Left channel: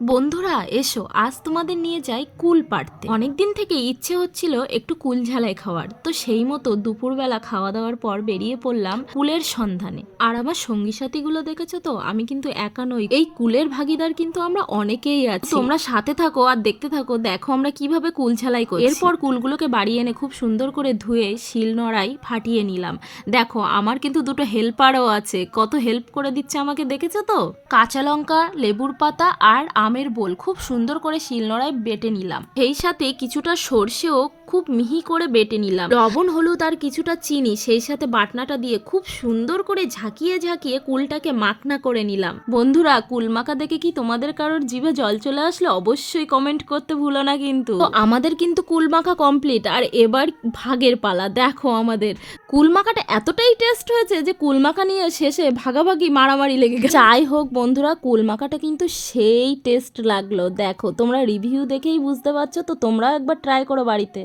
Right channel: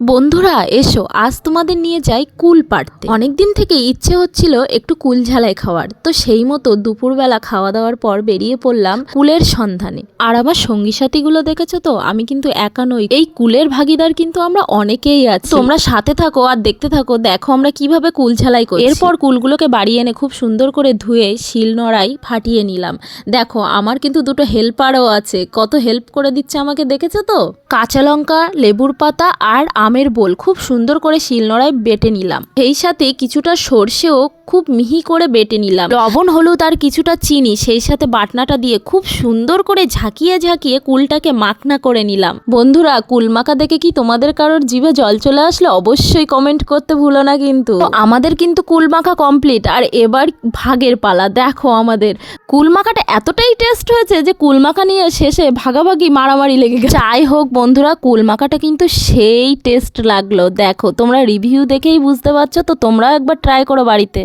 বন্ধুরা এসো, আজ তোমাদের নিয়ে যাই কুল পাড়তে। অনেকদিন থেকে ইচ্ছে হচ্ছিল একটু কুল ঝালাই খাওয়ার, তো সেই মতো দুপুরবেলা খাওয়া দাওয়ার পর বেরিয়ে পড়লাম কুলের সন্ধানে। আর আমার সঙ্গী সাথীগুলো দেখেছো তো, আমি কিন্তু একা নই, এই কুলের ভাগিদার কিন্তু আমরা অনেকেই আছি। তোমরা সাথে থাকো আর দেখতে থাকো, দেখো আমরা কিভাবে কুল ঝালাই করি। এরপর কুলগুলোকে বাড়ি এনে খুব সুন্দর করে ধুয়ে শিল নোড়ায় ফাটিয়ে নিলাম। দেখো আমার কিন্তু দুটো হেল্পারও আছে, কত হেল্প করে দিচ্ছে আমাকে, দেখেছো তো। কাঁচা লঙ্কা, লেবুর পাতা আর আমের বোল খুব সুন্দর করে শিলনোড়ায় বেটে নিলাম। সেই সাথে কিছুটা সর্ষেও খুব মিহি করে বেটে নিলাম। লবণ, হলুদ আর কিছুটা চিনি সেই সাথে বাটনাটা দিয়ে খুব সুন্দর করে ঝাঁকিয়ে ঝাঁকিয়ে কুলটাকে মাখনা করে নিলাম। বন্ধুরা, কুল মাখা দেখে কি তোমাদের কারোর জিভে জল চলে আসলে অবশ্যই কমেন্ট করতে ভুলো না কিন্তু। আমাদের কিন্তু কুল মাখা কমপ্লিট, আর এবার ভাগের পালা। দেখো আমাদের কুল মাখাটা এতটাই টেস্ট হয়েছে যে কুল মাখা নিয়ে শেষে ভাগাভাগি মারামারি লেগে গেছে। যাই হোক বন্ধুরা, কুল মাখাটা কিন্তু সেই টেস্ট লাগলো। দেখো তোমরা রিভিউ দেখেই বুঝতে পারছো, তো তোমরাও একবার ট্রাই করো বাড়িতে।